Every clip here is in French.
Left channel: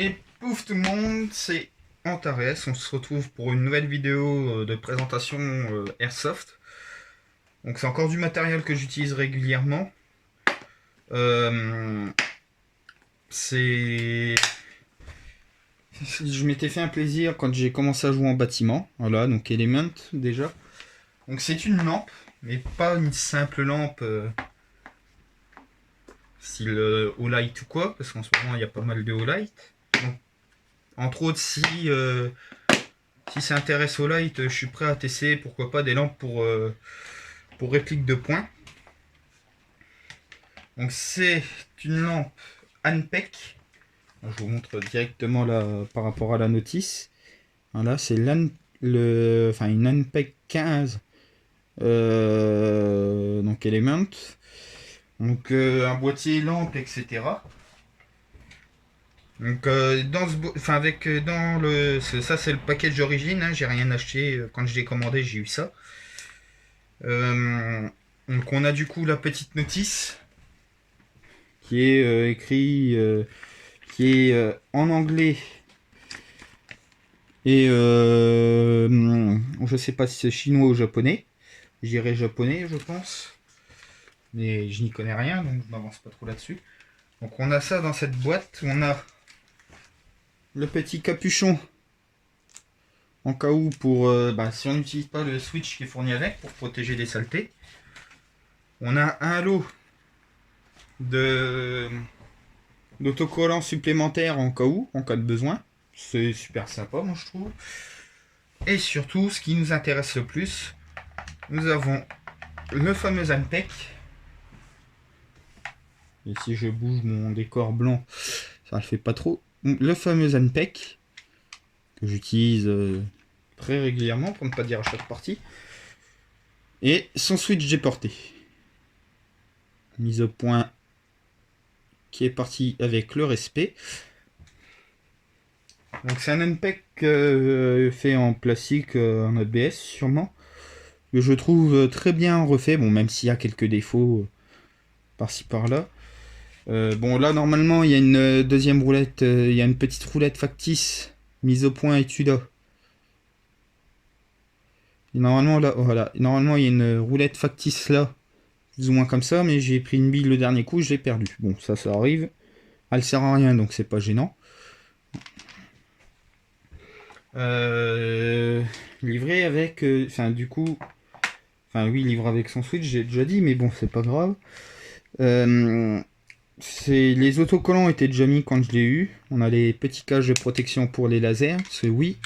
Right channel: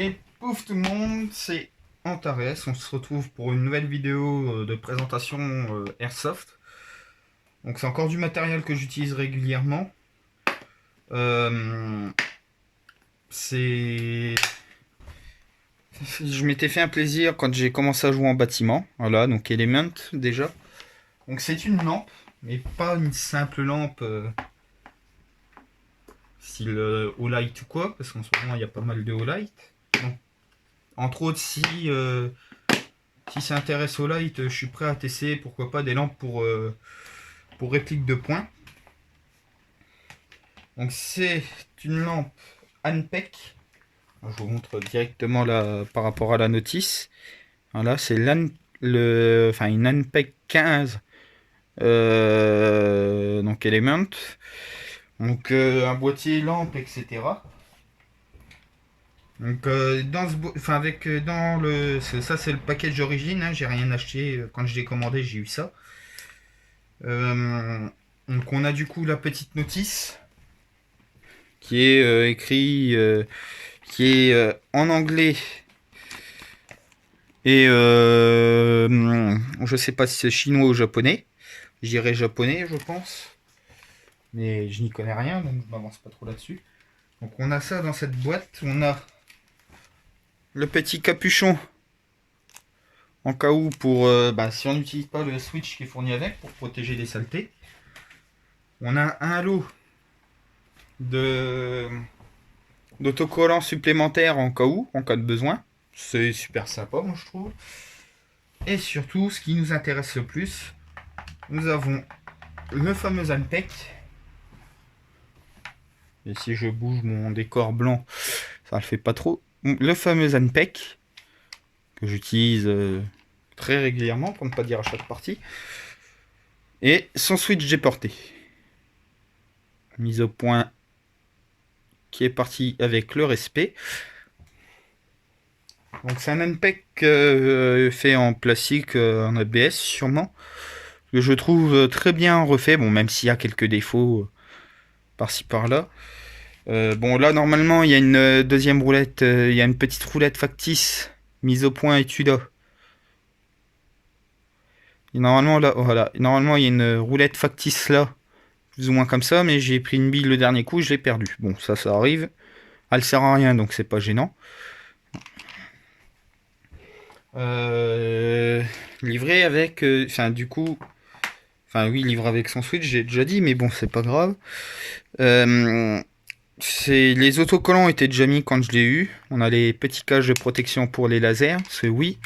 Et pouf tout le monde, c'est Antares. On se retrouve pour une nouvelle vidéo de présentation Airsoft. Donc c'est encore du matériel que j'utilise régulièrement. Euh, c'est... Je m'étais fait un plaisir quand j'ai commencé à jouer en bâtiment. Voilà, donc Element déjà. Donc c'est une lampe, mais pas une simple lampe style Olight ou quoi, parce qu'en ce moment il y a pas mal de Olight. Donc, entre autres, si ça intéresse au light, je suis prêt à tester, pourquoi pas, des lampes pour réplique de points. Donc c'est une lampe Anpec. Je vous montre directement là par rapport à la notice. Voilà, c'est une Anpec 15. Donc Element. Donc un boîtier lampe, etc. Donc ça c'est le package d'origine, hein, j'ai rien acheté quand je l'ai commandé, j'ai eu ça. Euh, donc on a du coup la petite notice qui est qui est en anglais et je sais pas si c'est chinois ou japonais. Je dirais japonais, je pense, mais je n'y connais rien donc je m'avance pas trop là-dessus. Donc on a ça dans cette boîte, on a le petit capuchon en cas où pour si on n'utilise pas le switch qui est fourni avec pour protéger des saletés. On a un lot d'autocollants supplémentaires en cas où, en cas de besoin. C'est super sympa, moi je trouve. Et surtout, ce qui nous intéresse le plus, nous avons le fameux Anpec. Et si je bouge mon décor blanc, ça le fait pas trop. Le fameux Anpec que j'utilise très régulièrement, pour ne pas dire à chaque partie. Et son switch déporté. Mise au point qui est parti avec le respect. Donc c'est un Anpec fait en plastique, en ABS sûrement, que je trouve très bien refait, bon même s'il y a quelques défauts par-ci par-là. Bon là normalement il y a une deuxième roulette, il y a une petite roulette factice mise au point et là. Et normalement là, voilà, normalement il y a une roulette factice là, plus ou moins comme ça, mais j'ai pris une bille le dernier coup, je l'ai perdue. Bon ça arrive, elle sert à rien donc c'est pas gênant. Livré avec, oui, livré avec son switch, j'ai déjà dit, mais bon, c'est pas grave. Les autocollants étaient déjà mis quand je l'ai eu. On a les petits cages de protection pour les lasers, c'est oui.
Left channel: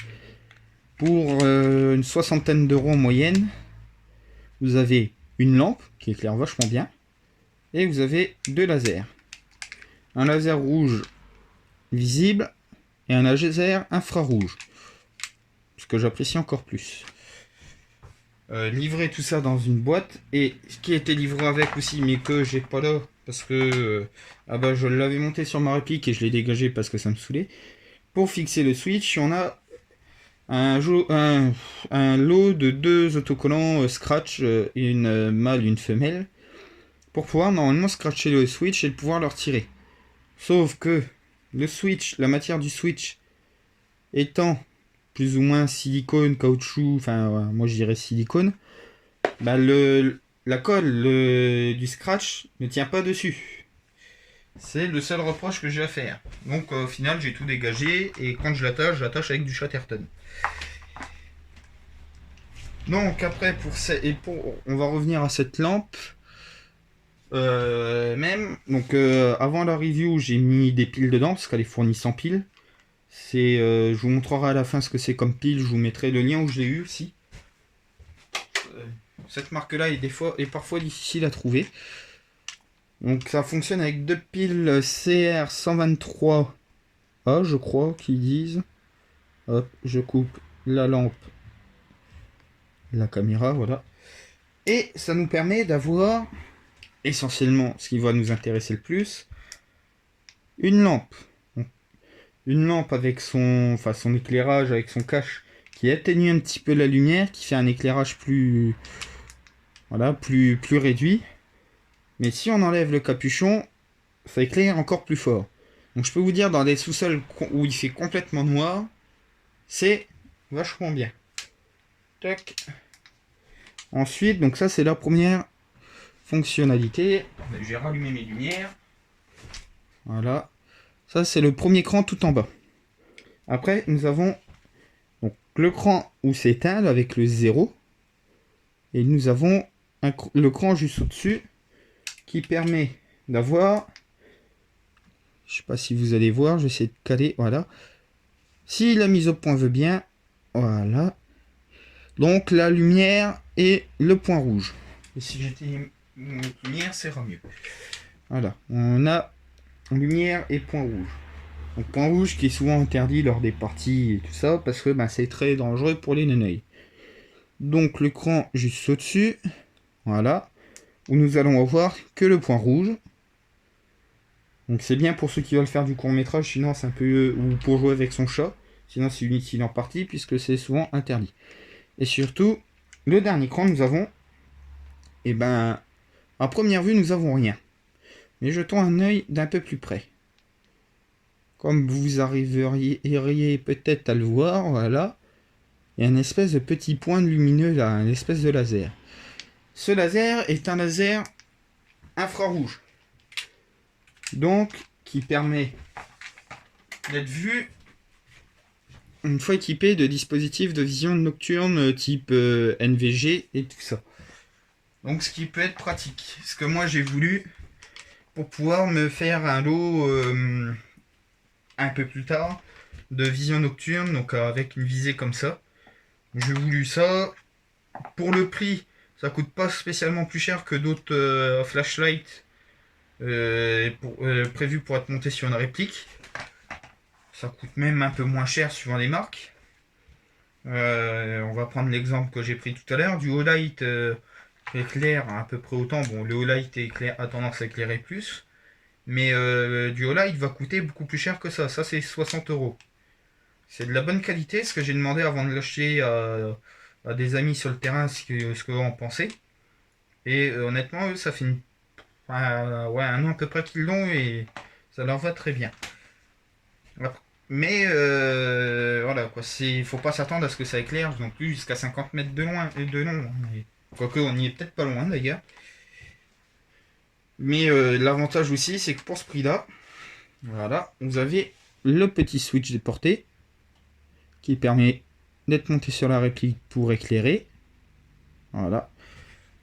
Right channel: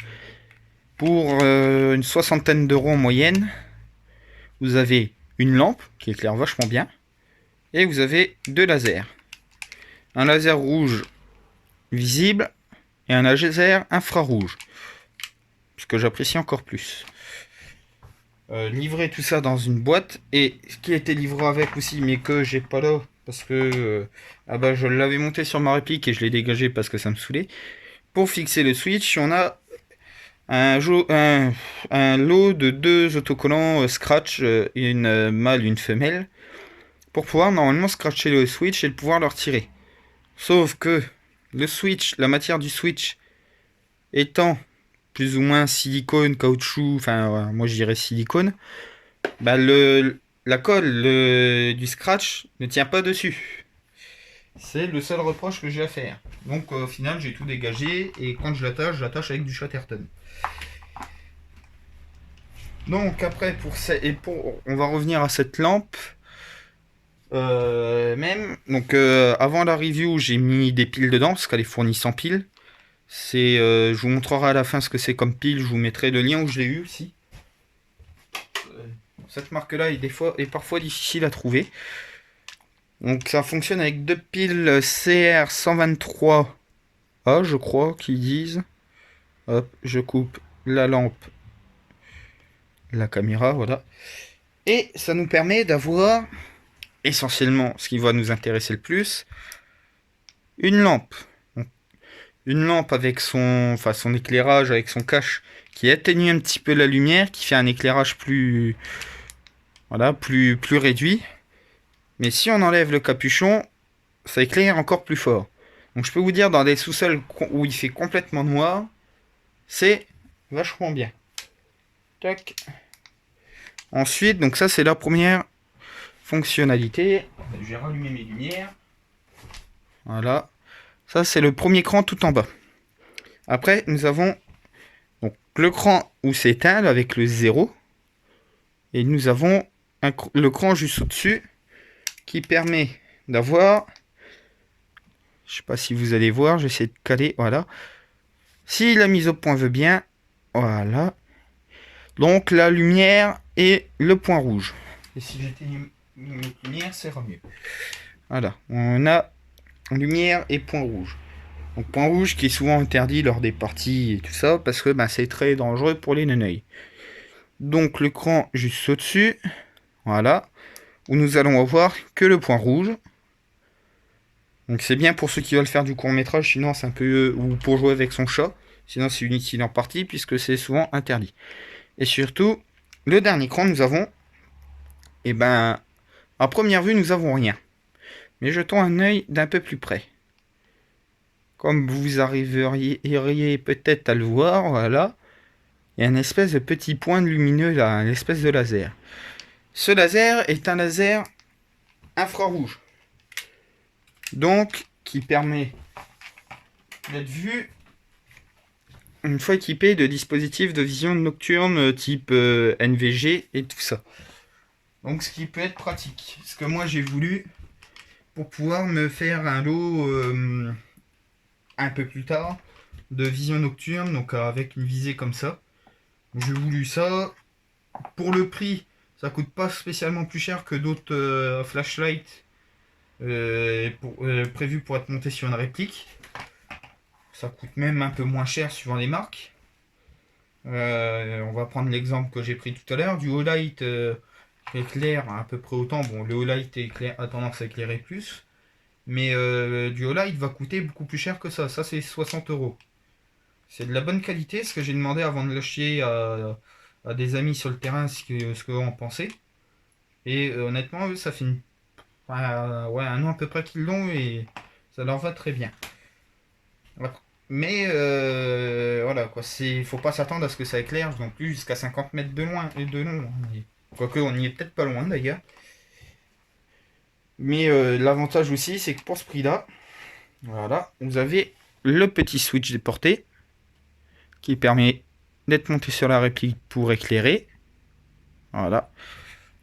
Pour une soixantaine d'euros en moyenne, vous avez une lampe qui éclaire vachement bien, et vous avez deux lasers. Un laser rouge visible et un laser infrarouge. Ce que j'apprécie encore plus. Livrer tout ça dans une boîte, et ce qui était livré avec aussi mais que j'ai pas là parce que je l'avais monté sur ma réplique et je l'ai dégagé parce que ça me saoulait. Pour fixer le switch, on a un lot de deux autocollants scratch, une mâle, une femelle, pour pouvoir normalement scratcher le switch et pouvoir le retirer. Sauf que le switch, la matière du switch étant plus ou moins silicone, caoutchouc, moi je dirais silicone, la colle du scratch ne tient pas dessus. C'est le seul reproche que j'ai à faire. Donc au final j'ai tout dégagé et quand je l'attache avec du Chatterton. Donc après on va revenir à cette lampe. Avant la review j'ai mis des piles dedans parce qu'elle est fournie sans piles. Je vous montrerai à la fin ce que c'est comme pile, je vous mettrai le lien où je l'ai eu aussi. Cette marque là est parfois difficile à trouver. Donc ça fonctionne avec deux piles CR123A, je crois qu'ils disent. Hop, je coupe la lampe, la caméra, voilà. Et ça nous permet d'avoir essentiellement ce qui va nous intéresser le plus, une lampe. Une lampe avec son éclairage, avec son cache qui atténue un petit peu la lumière, qui fait un éclairage plus réduit. Mais si on enlève le capuchon, ça éclaire encore plus fort. Donc je peux vous dire, dans des sous-sols où il fait complètement noir, c'est vachement bien. Tac. Ensuite, donc ça c'est la première fonctionnalité. Je vais rallumer mes lumières. Voilà. Ça c'est le premier cran tout en bas. Après, nous avons donc le cran où c'est éteint avec le 0. Et nous avons le cran juste au-dessus qui permet d'avoir... Je sais pas si vous allez voir, j'essaie de caler, voilà. Si la mise au point veut bien, voilà. Donc la lumière et le point rouge. Et si j'éteigne une lumière, ça ira mieux. Voilà, on a lumière et point rouge. Donc point rouge qui est souvent interdit lors des parties et tout ça, parce que c'est très dangereux pour les neneuils. Donc le cran juste au-dessus, voilà, où nous allons avoir que le point rouge. Donc c'est bien pour ceux qui veulent faire du court métrage, sinon c'est un peu... ou pour jouer avec son chat, sinon c'est inutile en partie, puisque c'est souvent interdit. Et surtout, le dernier cran, nous avons... à première vue, nous avons rien. Mais jetons un œil d'un peu plus près. Comme vous arriveriez peut-être à le voir, voilà, il y a une espèce de petit point lumineux là, une espèce de laser. Ce laser est un laser infrarouge. Donc, qui permet d'être vu une fois équipé de dispositifs de vision nocturne type NVG et tout ça. Donc, ce qui peut être pratique. Ce que moi j'ai voulu pour pouvoir me faire un lot un peu plus tard de vision nocturne, donc avec une visée comme ça. J'ai voulu ça. Pour le prix, ça coûte pas spécialement plus cher que d'autres flashlights prévus pour être montés sur une réplique. Ça coûte même un peu moins cher suivant les marques. On va prendre l'exemple que j'ai pris tout à l'heure. Du Olight éclaire à peu près autant. Bon, le Olight a tendance à éclairer plus. Mais du Olight va coûter beaucoup plus cher que ça. Ça, c'est 60 €. C'est de la bonne qualité. Ce que j'ai demandé avant de l'acheter à des amis sur le terrain, ce qu'eux en pensaient. Et honnêtement, eux, ça fait un an à peu près qu'ils l'ont et ça leur va très bien. Mais voilà quoi, faut pas s'attendre à ce que ça éclaire non plus jusqu'à 50 mètres de loin et de long. Quoique on y est peut-être pas loin d'ailleurs. Mais l'avantage aussi, c'est que pour ce prix-là, voilà, vous avez le petit switch de portée qui permet d'être monté sur la réplique pour éclairer. Voilà.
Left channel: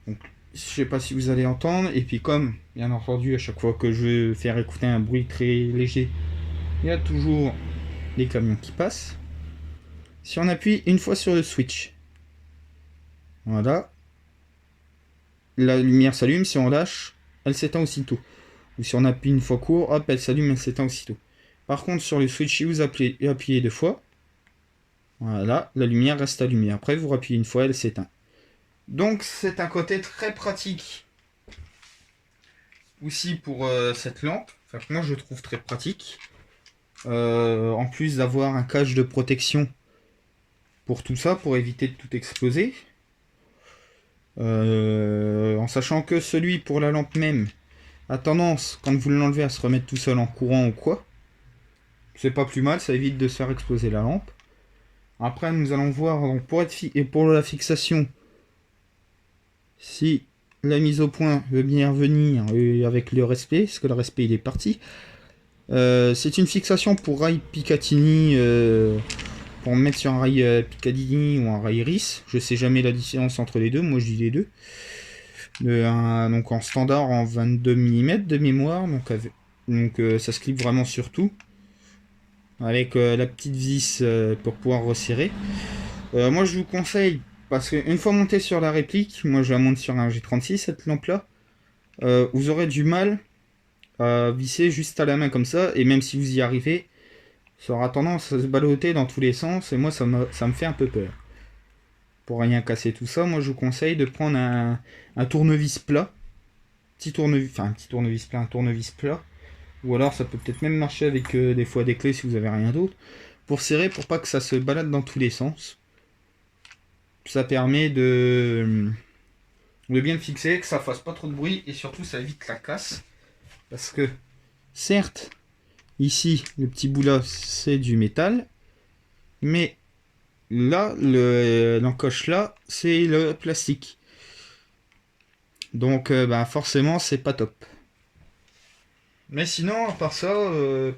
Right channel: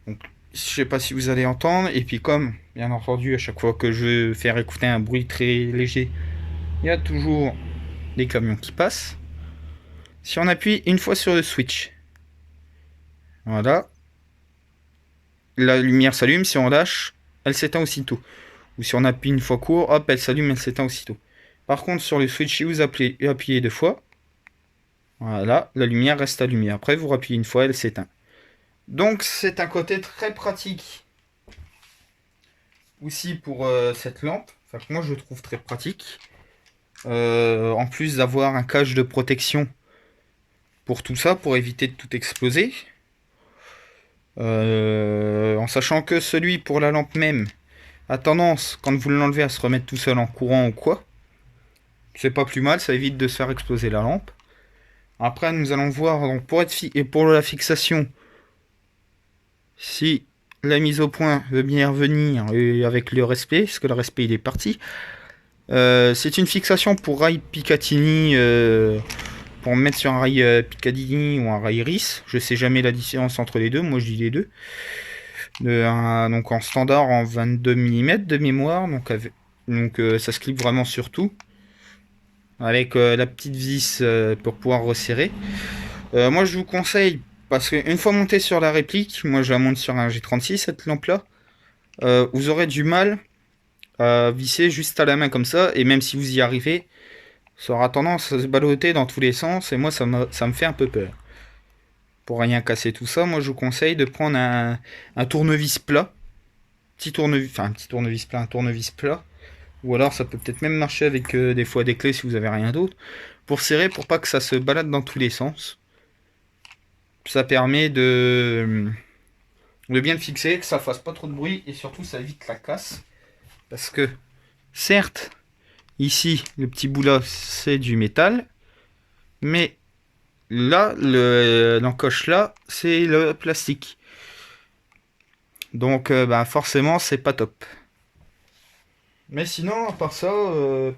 Donc, je sais pas si vous allez entendre. Et puis comme, bien entendu, à chaque fois que je veux faire écouter un bruit très léger, il y a toujours des camions qui passent. Si on appuie une fois sur le switch, voilà, la lumière s'allume. Si on lâche, elle s'éteint aussitôt. Ou si on appuie une fois court, hop, elle s'allume, elle s'éteint aussitôt. Par contre, sur le switch, si vous appuyez 2 fois, voilà, la lumière reste allumée. Après, vous appuyez une fois, elle s'éteint. Donc, c'est un côté très pratique aussi pour cette lampe. Enfin, moi, je trouve très pratique. En plus d'avoir un cache de protection pour tout ça, pour éviter de tout exploser. En sachant que celui pour la lampe même a tendance, quand vous l'enlevez, à se remettre tout seul en courant ou quoi. C'est pas plus mal, ça évite de se faire exploser la lampe. Après, nous allons voir donc, pour la fixation, si la mise au point veut bien revenir avec le respect, parce que le respect il est parti. C'est une fixation pour rail Picatinny, pour mettre sur un rail Picatinny ou un rail RIS. Je sais jamais la différence entre les deux, moi je dis les deux. Donc en standard en 22 mm de mémoire, donc ça se clip vraiment sur tout. Avec la petite vis pour pouvoir resserrer. Moi je vous conseille, parce qu'une fois monté sur la réplique, moi je la monte sur un G36 cette lampe là, vous aurez du mal à visser juste à la main comme ça, et même si vous y arrivez, ça aura tendance à se balloter dans tous les sens, et moi ça me fait un peu peur. Pour rien casser tout ça, moi je vous conseille de prendre un tournevis plat, un tournevis plat, ou alors ça peut peut-être même marcher avec des fois des clés si vous avez rien d'autre, pour serrer, pour pas que ça se balade dans tous les sens. Ça permet de bien le fixer, que ça fasse pas trop de bruit, et surtout ça évite la casse. Parce que certes, Ici, le petit bout là, c'est du métal. Mais là, l'encoche là, c'est le plastique. Donc, bah, forcément, c'est pas top. Mais sinon, à part ça,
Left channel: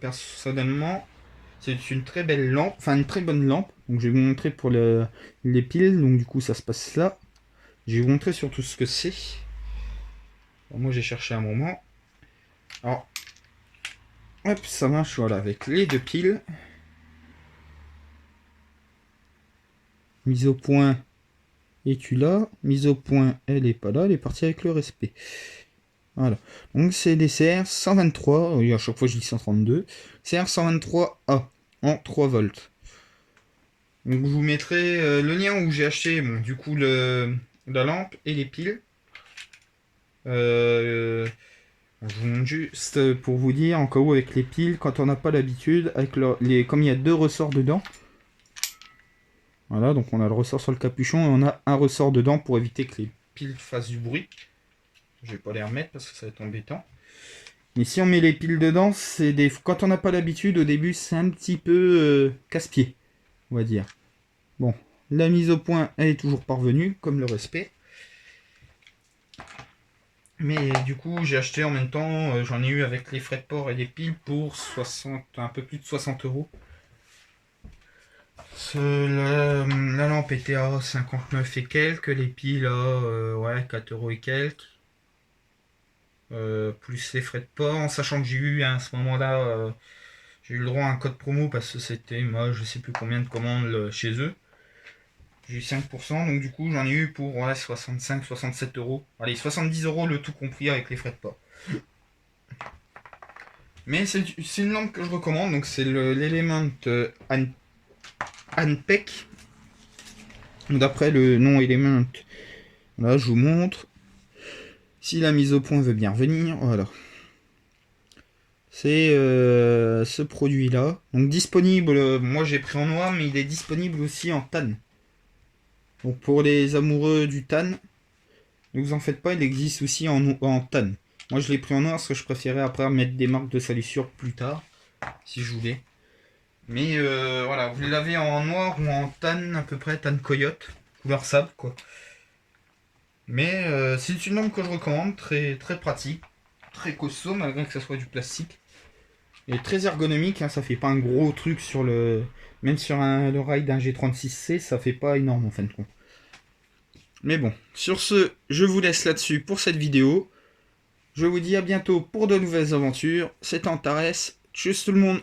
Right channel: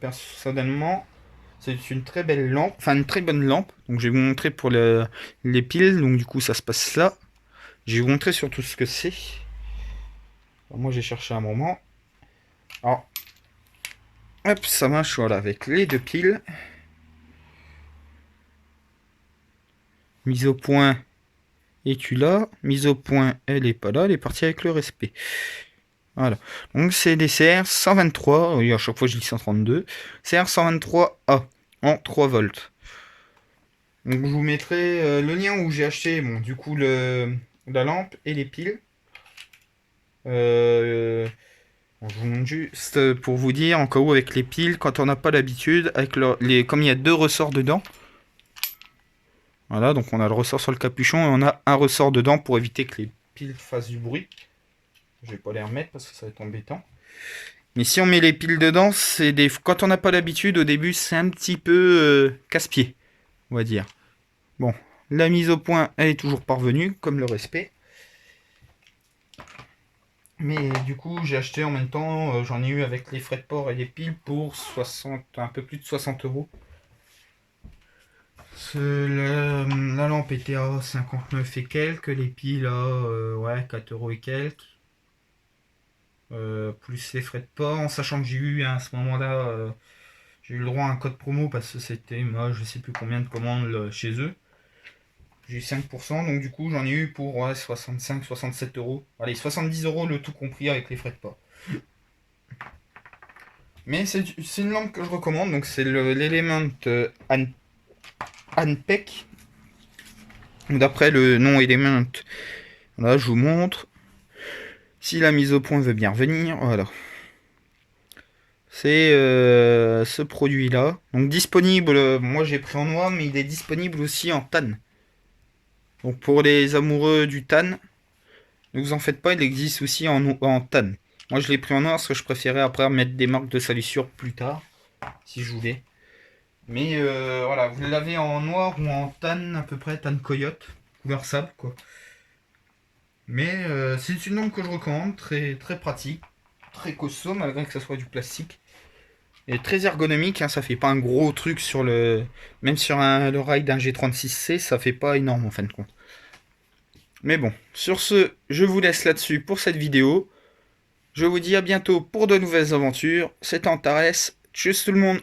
personnellement, c'est une très belle lampe, enfin une très bonne lampe. Donc, je vais vous montrer pour les piles. Donc, du coup, ça se passe là. Je vais vous montrer surtout ce que c'est. Moi, j'ai cherché un moment. Alors, hop, ça marche, voilà, avec les deux piles. Mise au point, es-tu là? Mise au point, elle est pas là, elle est partie avec le respect. Voilà. Donc c'est des CR 123, oui, à chaque fois je dis 132. CR 123A en 3 volts. Donc je vous mettrai le lien où j'ai acheté, bon, du coup, la lampe et les piles. Bon, je vous montre juste pour vous dire, en cas où avec les piles, quand on n'a pas l'habitude, avec comme il y a deux ressorts dedans. Voilà, donc on a le ressort sur le capuchon et on a un ressort dedans pour éviter que les piles fassent du bruit. Je vais pas les remettre parce que ça va être embêtant. Mais si on met les piles dedans, quand on n'a pas l'habitude, au début, c'est un petit peu casse-pied, on va dire. Bon, la mise au point, elle est toujours parvenue, comme le respect. Mais du coup, j'ai acheté en même temps, j'en ai eu avec les frais de port et les piles pour 60, un peu plus de 60 €. La lampe était à 59 et quelques, les piles à ouais, 4 € et quelques. Plus les frais de port, en sachant que j'ai eu à ce moment-là, j'ai eu le droit à un code promo parce que c'était, moi, je sais plus combien de commandes chez eux. J'ai eu 5%, donc du coup j'en ai eu pour ouais, 65-67 €. Allez, 70 € le tout compris avec les frais de port. Mais c'est une lampe que je recommande, donc c'est l'Element Anpec. D'après le nom Element, là je vous montre. Si la mise au point veut bien revenir, voilà. C'est ce produit là. Donc disponible, moi j'ai pris en noir, mais il est disponible aussi en tan. Donc pour les amoureux du tan, ne vous en faites pas, il existe aussi en tan. Moi je l'ai pris en noir parce que je préférais après mettre des marques de salissure plus tard, si je voulais. Mais voilà, vous l'avez en noir ou en tan à peu près, tan coyote, couleur sable quoi. Mais c'est une lampe que je recommande, très, très pratique, très costaud malgré que ça soit du plastique. Et très ergonomique, hein, ça fait pas un gros truc sur le... Même sur le rail d'un G36C, ça fait pas énorme en fin de compte. Mais bon, sur ce, je vous laisse là-dessus pour cette vidéo. Je vous dis à bientôt pour de nouvelles aventures. C'était Antares. Tchuss tout le monde!